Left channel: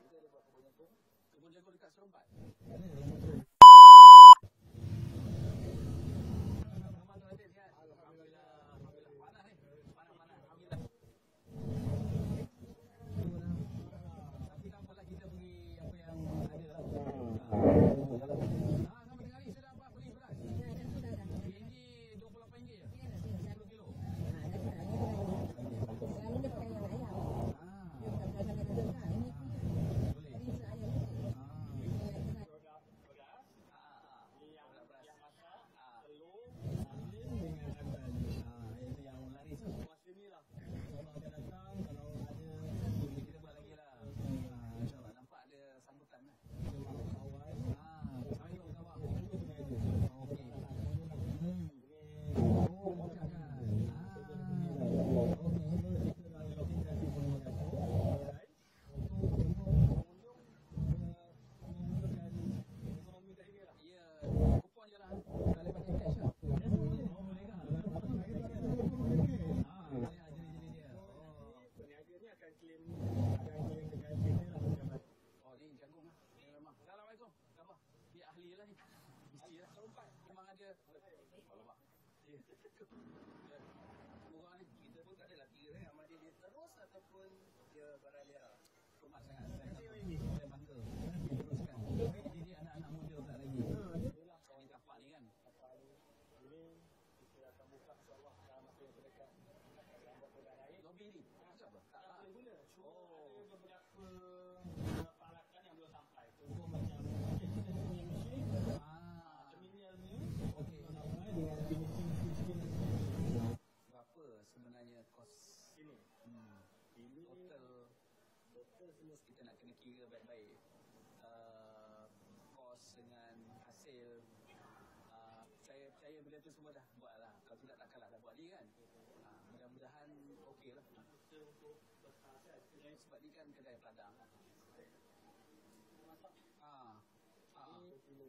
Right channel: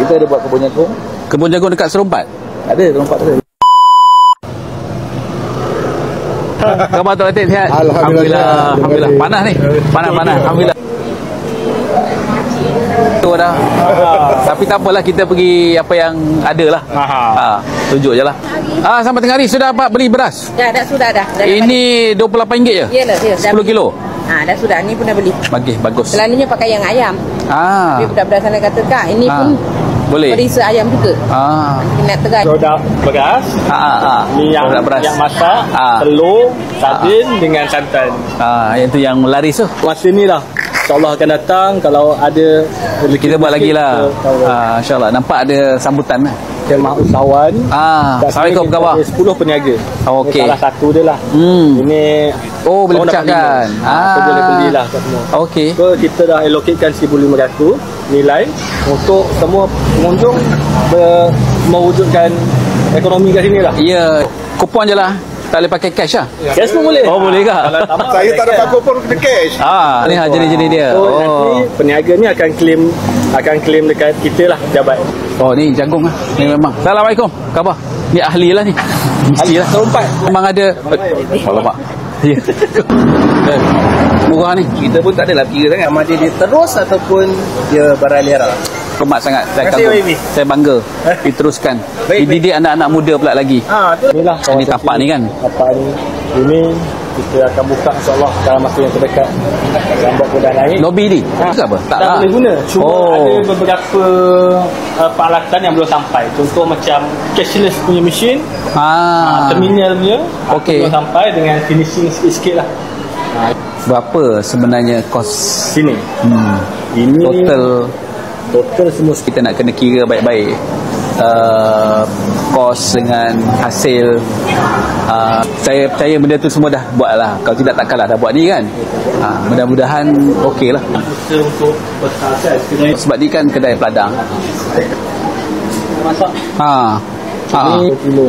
Kita ada buat kebun jagung. Kebun jagung dekat Serempat? Ada, Serempat ada. Khabar Tok Latif sihat? Alhamdulillah. Alhamdulillah. Panas ni. Panas. Alhamdulillah. Tu dah. Tapi tak apalah, kita pergi apa yang ada lah. Tunjuk je lah. Sampai tengah hari sudah dapat beli beras? Dah sudah. Ini RM28 je? Yalah, 10 kilo? Dah sudah. Ni pun dah beli. Bagus. Selalunya pakai yang ayam. Tapi budak-budak sana kata, Kak, ini pun boleh perisa ayam juga. Nak terai. Produk beras. Ni yang masak, telur, sardin dengan santan. Yang tu yang laris tu. Masa ni lah, InsyaAllah akan datang. Kalau ada kita buat lagi lah. InsyaAllah. Nampak ada sambutan lah. Khemah usahawan. Assalamualaikum, khabar? 10 peniaga. Okey. Salah satu dia lah. Ini boleh pecahkan. So boleh belilah kat semua. Okey. So kita dah allocatekan 1,500 nilai untuk semua pengunjung mewujudkan ekonomi kat sini lah. Ya, kupon je lah. Tak boleh pakai cash lah? Cash pun boleh. Boleh ke? Saya tak dapat kupon kena cash. Ni jenis-jenis dia. Nanti peniaga ni akan claim dekat kita lah, jabat. Ni jagung lah. Ni memang. Assalamualaikum. Khabar? Ni ahli lah ni. Mesti lah. Serempat. Memang ada. Alamak. Ya. Murah ni. Kita pun tak adalah kira sangat sama dia terus ataupun dia beraliara. Hormat sangat. Saya kagum. Saya bangga. Diteruskan. Dididik anak-anak muda pula lagi. Inilah ini tapak ni kan. Tapak ni. Ini kita akan buka insyaAllah dalam masa yang terdekat. Gambar pun dah naik. Lobby ni? Apa? Tak boleh guna. Cuma ada beberapa peralatan yang belum sampai. Contoh macam cashless punya mesin. Terminal punya. Belum sampai dengan finishing sikit-sikit lah. Berapa sebenarnya kos sini? Ini total semua kita nak kena kira baik-baik. Kos dengan hasil. Saya percaya benda tu semua dah buat lah. Kalau tidak takkanlah dah buat ni kan. Mudah-mudahan okey lah. Untuk sebab ni kan kedai peladang. Masak. Ini 2 kilo.